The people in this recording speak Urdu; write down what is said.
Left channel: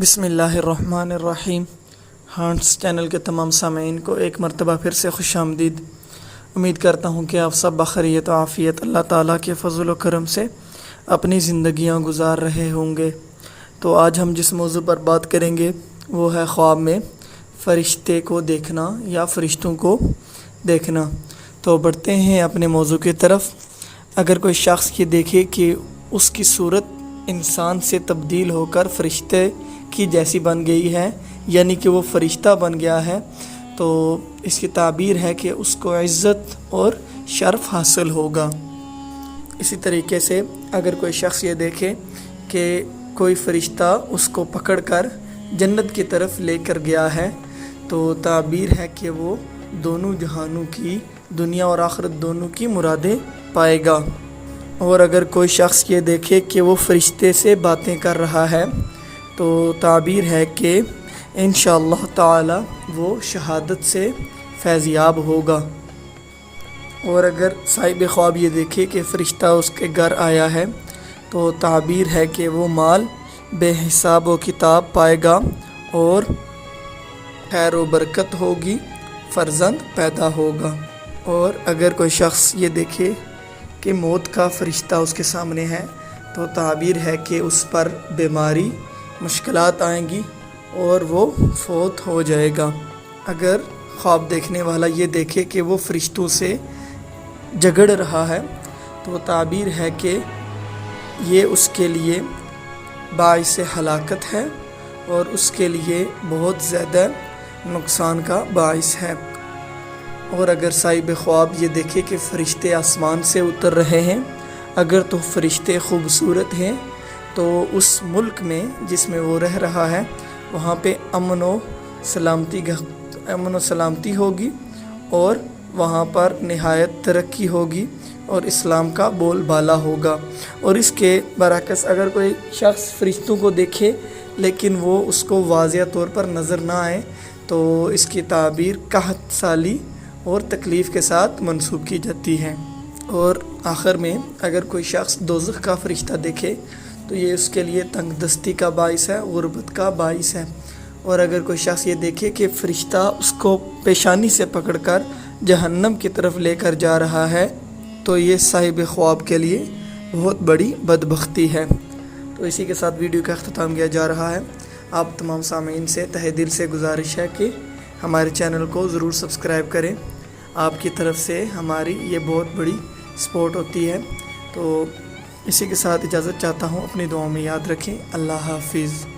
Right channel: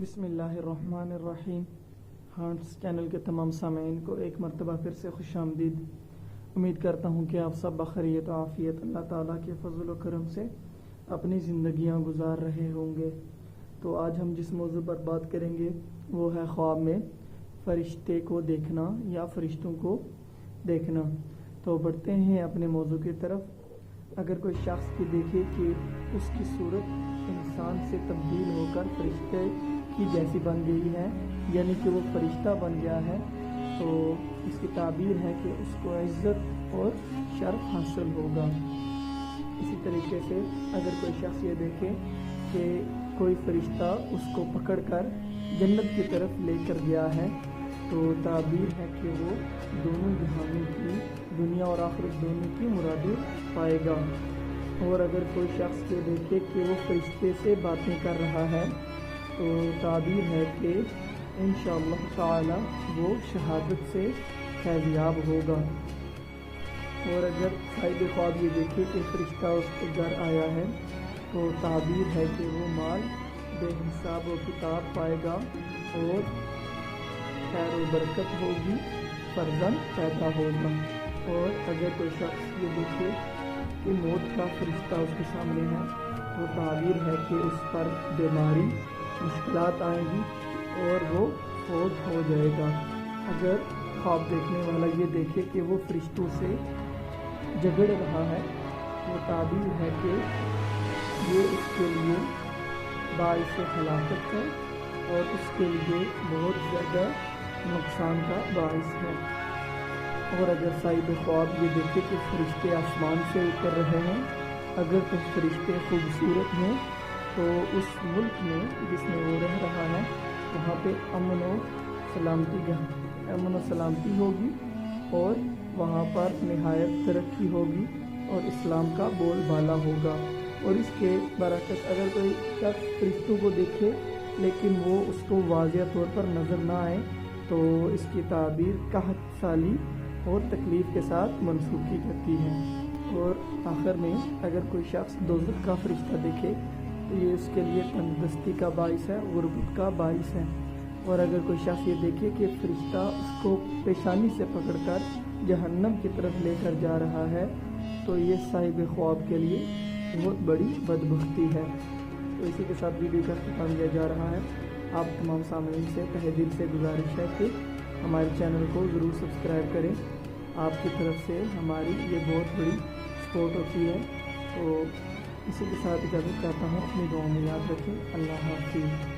بسم اللہ الرحمن الرحیم۔ ہانٹس چینل کے تمام سامعین کو ایک مرتبہ پھر سے خوش آمدید۔ امید کرتا ہوں کہ آپ سب بخیریت و عافیت اللہ تعالیٰ کے فضل و کرم سے اپنی زندگیاں گزار رہے ہوں گے۔ تو آج ہم جس موضوع پر بات کریں گے وہ ہے خواب میں فرشتے کو دیکھنا یا فرشتوں کو دیکھنا۔ تو بڑھتے ہیں اپنے موضوع کی طرف۔ اگر کوئی شخص یہ دیکھے کہ اس کی صورت انسان سے تبدیل ہو کر فرشتے کی جیسی بن گئی ہے، یعنی کہ وہ فرشتہ بن گیا ہے، تو اس کی تعبیر ہے کہ اس کو عزت اور شرف حاصل ہوگا۔ اسی طریقے سے اگر کوئی شخص یہ دیکھے کہ کوئی فرشتہ اس کو پکڑ کر جنت کی طرف لے کر گیا ہے، تو تعبیر ہے کہ وہ دونوں جہانوں کی، دنیا اور آخرت دونوں کی مرادیں پائے گا۔ اور اگر کوئی شخص یہ دیکھے کہ وہ فرشتے سے باتیں کر رہا ہے، تو تعبیر ہے کہ انشاءاللہ تعالی وہ شہادت سے فیض یاب ہوگا۔ اور اگر صاحب خواب یہ دیکھے کہ فرشتہ اس کے گھر آیا ہے، تو تعبیر ہے کہ وہ مال بے حساب و کتاب پائے گا اور خیر و برکت ہوگی، فرزند پیدا ہوگا۔ اور اگر کوئی شخص یہ دیکھے کہ موت کا فرشتہ اس کے سامنے ہے، تو تعبیر ہے کہ اس پر بیماری، مشکلات آئیں گی اور وہ فوت ہو جائے گا۔ اگر خواب دیکھنے والا یہ دیکھے کہ وہ فرشتوں سے جھگڑ رہا ہے، تو تعبیر ہے کہ یہ اس کے لیے باعث ہلاکت ہے اور اس کے لیے بہت زیادہ نقصان کا باعث ہے۔ اور اگر صاحب خواب یہ دیکھے کہ فرشتے آسمان سے اتر رہے ہیں، اگر تو فرشتے خوبصورت ہیں، تو اس ملک میں جس میں وہ رہ رہا ہے وہاں پہ امن و سلامتی ہوگی اور وہاں پر نہایت ترقی ہوگی اور اسلام کا بول بالا ہوگا۔ اور اس کے برعکس اگر کوئی شخص فرشتوں کو دیکھے لیکن وہ اس کو واضح طور پر نظر نہ آئے، تو اس کی تعبیر قحط سالی اور تکلیف کے ساتھ منسوب کی جاتی ہے۔ اور آخر میں اگر کوئی شخص دوزخ کا فرشتہ دیکھے، تو یہ اس کے لیے تنگ دستی کا باعث ہے، غربت کا باعث ہے۔ اور اگر کوئی شخص یہ دیکھے کہ فرشتہ اس کو پیشانی سے پکڑ کر جہنم کی طرف لے کر جا رہا ہے، تو یہ صاحب خواب کے لیے بہت بڑی بدبختی ہے۔ تو اسی کے ساتھ ویڈیو کا اختتام کیا جا رہا ہے۔ آپ تمام سامعین سے تہہ دل سے گزارش ہے کہ ہمارے چینل کو ضرور سبسکرائب کریں۔ آپ کی طرف سے ہماری یہ بہت بڑی سپورٹ ہوتی ہے۔ تو اسی کے ساتھ اجازت چاہتا ہوں، اپنی دعاؤں میں یاد رکھیں۔ اللہ حافظ۔